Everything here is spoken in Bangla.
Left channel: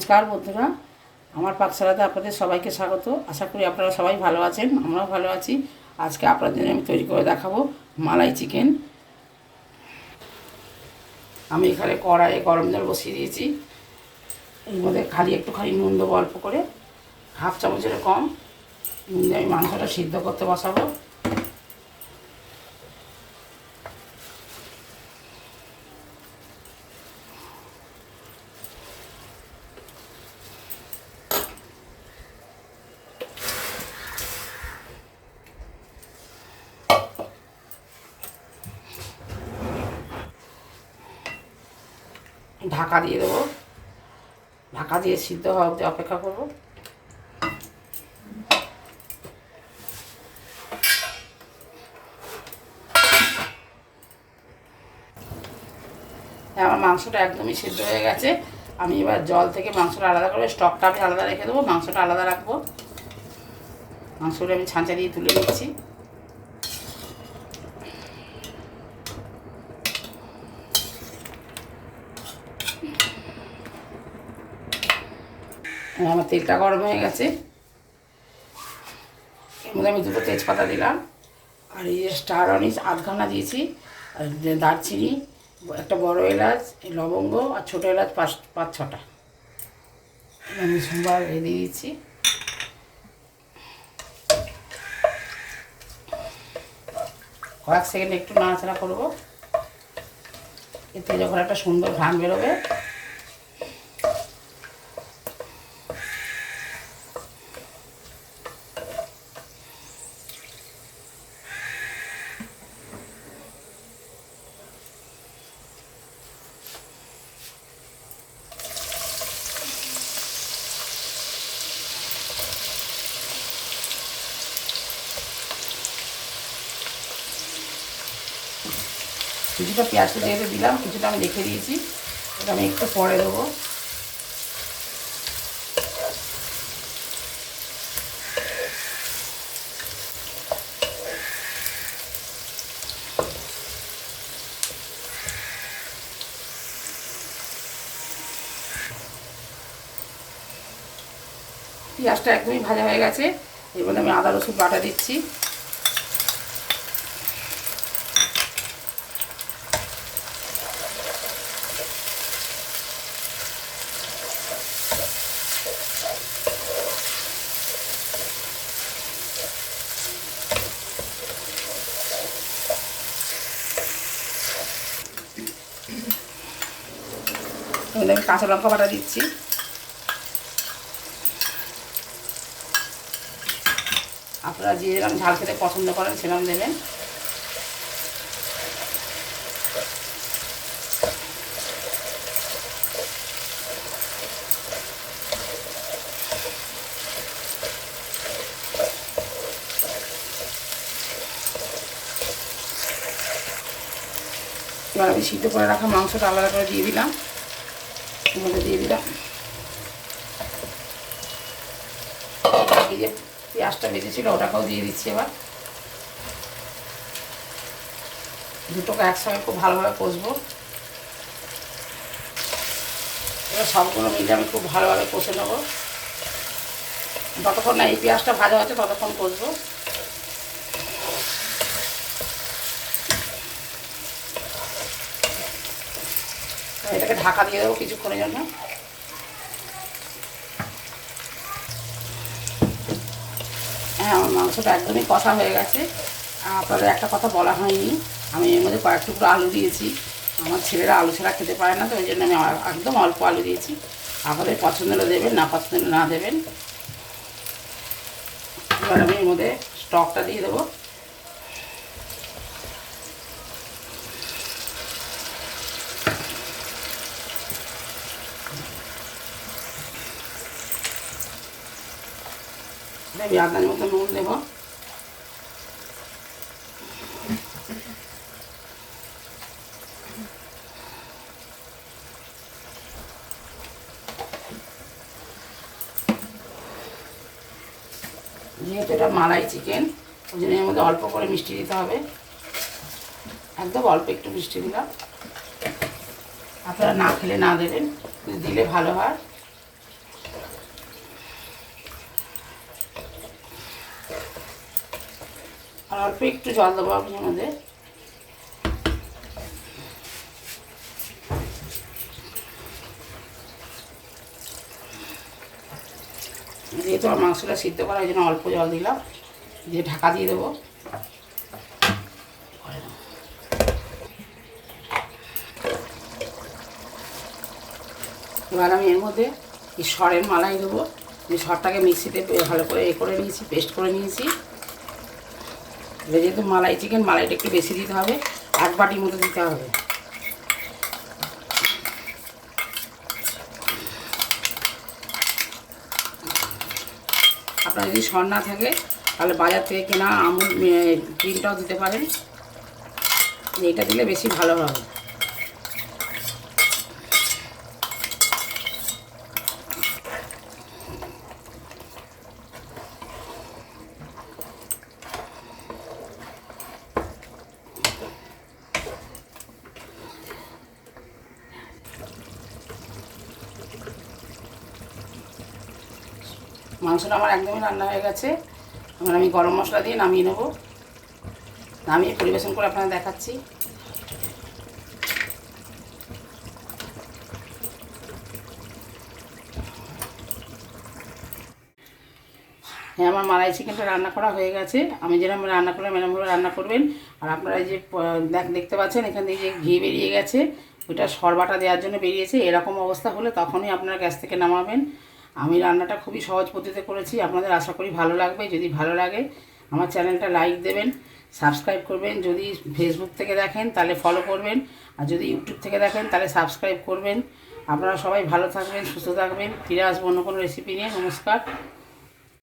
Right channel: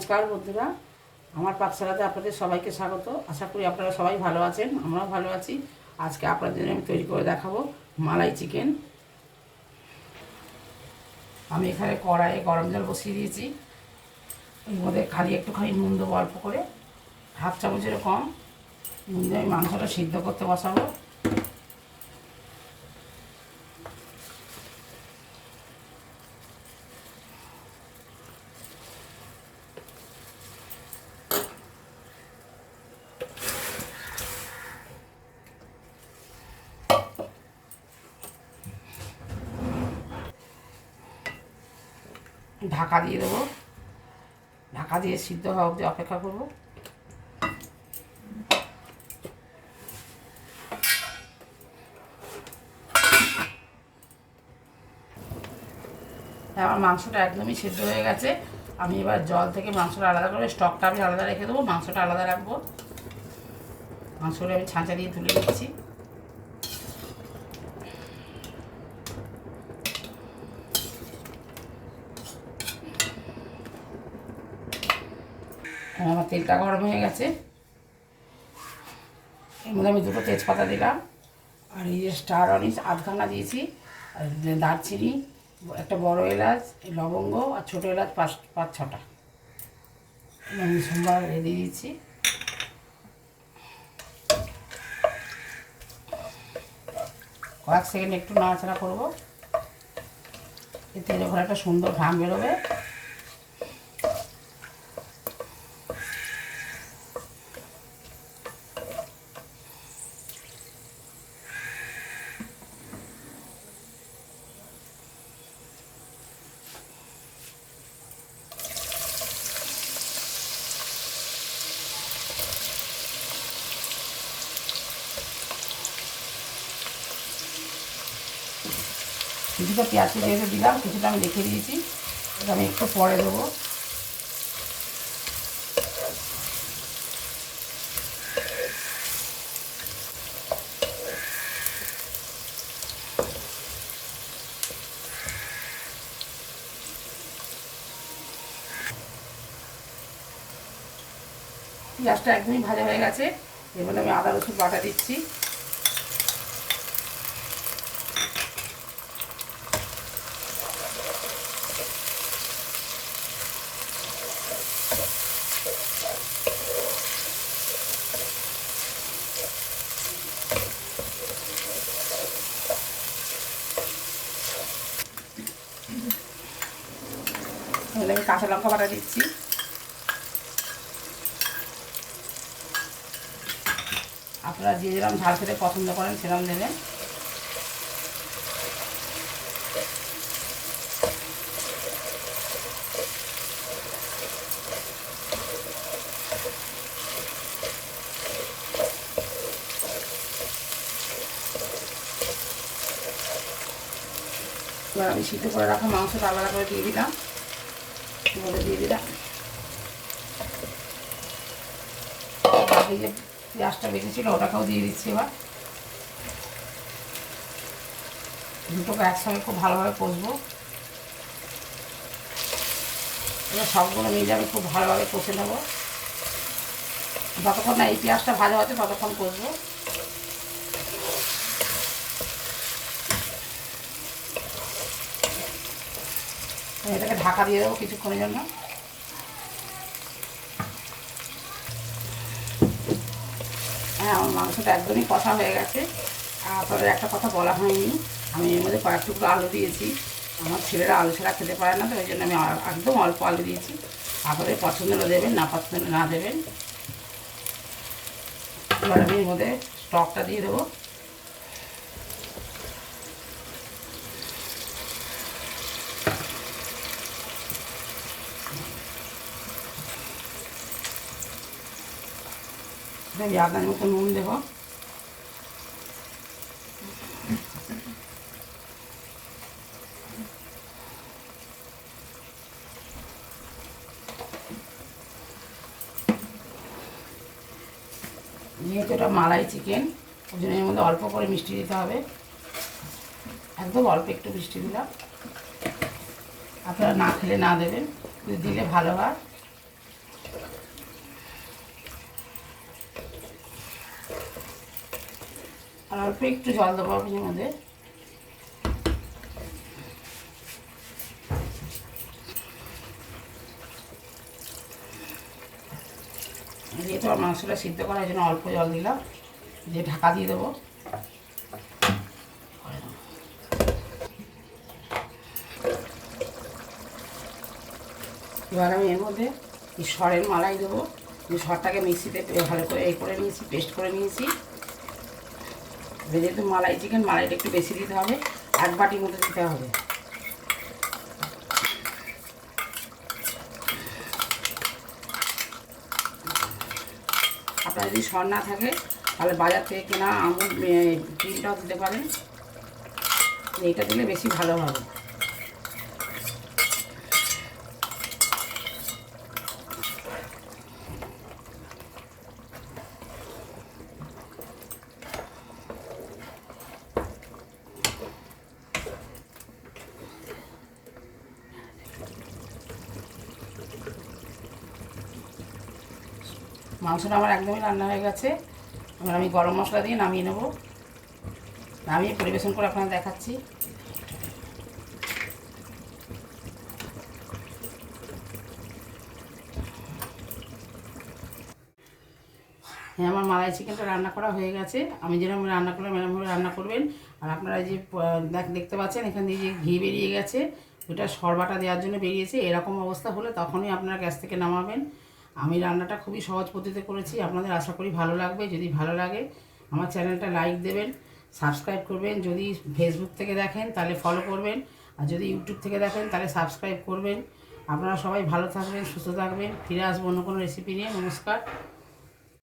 নমস্কার বন্ধুরা, আমার পাকশালাতে আপনাদের সবাইকে স্বাগত। আশা করি আপনারা সবাই ভালো আছেন, আমরাও ভালো আছি। আজকে আপনাদের আমি তৈরি করে দেখাবো মালাই চিকেন। আমি এখানে কড়াইয়ে গরম জল বসিয়ে দিয়েছি। এর মধ্যে একটুখানি নুন দেবো, অল্প করে, হাফ চামচের কম নুন দিয়ে আমি মাংসটা সিদ্ধ করতে বসাবো। ঢাকা দিয়ে দেবো, ঢাকা দিয়ে সিদ্ধ হওয়া অবধি অপেক্ষা করবো। আমার মাংসটা একদমই সিদ্ধ হয়ে গেছে। আমি এবার জল থেকে মাংসটা আলাদা করে, স্টকটা আমি আলাদা রেখে দেবো, মাংসটা আলাদা রাখবো। মাংসগুলো আমি ছাঁচা দিয়ে তুলে নিচ্ছি। আমার তেলটা গরম হয়ে গেছে। এর মধ্যে আমি দুটো তেজপাতা দিলাম, আর এই স্টার অনিস আধখানা দিয়েছি, আর দারচিনি, একটা বড় এলাচ, লবঙ্গ, আর ছোটো এলাচ পাঁচ ছটা আমি সোমবার দিয়ে দিচ্ছি। কয়েক সেকেন্ড একটু নাড়াচাড়া করবো, এতে যখন একটা সুন্দর ঘ্রাণ বেরোবে কিছুটা পেঁয়াজ যেহেতু দিলাম, কিছুটা আমি রেখে দিয়েছি, এটা আমি একটু পরে দেবো। পেঁয়াজটা একদমই ভাজা হয়ে গেছে। এবার আমি আদা রসুন বাটা দিচ্ছি। এবার আমি কাঁচা লঙ্কা বাটা দিচ্ছি। আপনারা যে যেরকম ঝাল খেতে পছন্দ করেন সেরকম দেবেন। এবার আমি সিদ্ধ করে রাখা মাংসটা আলাদা করে দিয়ে দিলাম, মধ্যে দিয়ে দিলাম। বাকি যে পেঁয়াজটা বেঁচেছিল ওটাকেও দিয়ে দিচ্ছি। এবার দুটোকে একসঙ্গে খুব ভালোভাবে কষবো। এবার সবগুলো মিলে আমি খুব ভালোভাবে কষে নেবো। যতক্ষণ না এই পেঁয়াজটা ভাজা হচ্ছে ততক্ষণ কষবো। এটাকে ঢাকা দিয়ে দেবো কিছুক্ষণের জন্য। হ্যাঁ, আমার মাংসটা একদমই কষা হয়ে গেছে। আপনাদের একটা কথা বলা হয়নি, আমি এর মধ্যে কয়েক টুকরো আলু দিয়েছি। আমার ছেলেরা আলু ছাড়া খেতে পারে না, তো ওই জন্য আমি একদম অল্প আলু দিয়েছি। আপনাদের পছন্দ হলে দেবেন, না পছন্দ হলে না দেবেন। এবার আমি এর মধ্যে স্টকটা দিয়ে দেবো। আমি আদার মতো নুন দেবো। যেহেতু এটা মালাই চিকেন, ওই জন্য এর মধ্যে অল্প করে মিষ্টি দিতে হবে, একদম অল্প একটু মিষ্টি দিলাম। আপনারা না খেলে না দেবেন, দিলে ভালো হয়। অল্প একটু জল দেবো আপনি মধ্যে। যেহেতু আমার মাংসটা সিদ্ধ করার জন্য অল্প জল দিলাম, দিয়ে ঢাকা দিয়ে দেবো। এবার আমি এর মধ্যে এই সরের মালাই দেবো। যে সরটাকে মিক্সিতে ভালো করে করে নিয়েছি, পেস্ট করে নিয়েছি। যেহেতু মালাই চিকেন, মালাইটা একটু বেশি দিতে হবে, 1 বাটির মতো দিতে হবে। আপনার যদি সর না থাকে তাহলে বাজার থেকে কেনা আমুল ক্রিমটাও দিতে পারেন, এইটা দিলে বেশি ভালো হবে। মাংসটা আমার একদমই রান্না হয়ে গেছে। এবার আমি গরম মশলা দিয়ে নামিয়ে নেব। নামিয়ে পরিবেশন করে আপনাদের দেখাচ্ছি। হ্যাঁ, আমার মালাই চিকেনটা রান্না করা হয়ে গেছে। আমি যেরকম রান্না করলাম এরকমভাবে রান্না করবেন। আর আপনারা যে দেখতে পাচ্ছেন এখান থেকে যে ঘি বেরিয়ে গেছে, ওইটা সরবাটা দেওয়ার জন্য বেরিয়েছে। এরকম অবস্থা হলে তখনই আপনারা গ্যাস থেকে নামাবেন। আমি রান্নাটা খুবই সহজ পদ্ধতিতে করেছি, আপনাদের আশা করি ভালো লাগবে। যদি ভালো লাগে আমার চ্যানেলটা লাইক দেবেন, সাবস্ক্রাইব করবেন। যদি ফেসবুক থেকে দেখেন তাহলে ফলো করবেন, আর যদি ইউটিউব থেকে দেখেন তাহলে সাবস্ক্রাইব করবেন। আপনারা সবাই ভালো থাকবেন, সুস্থ থাকবেন। ফিরে আসবো অন্য কোনো রেসিপি নিয়ে। নমস্কার।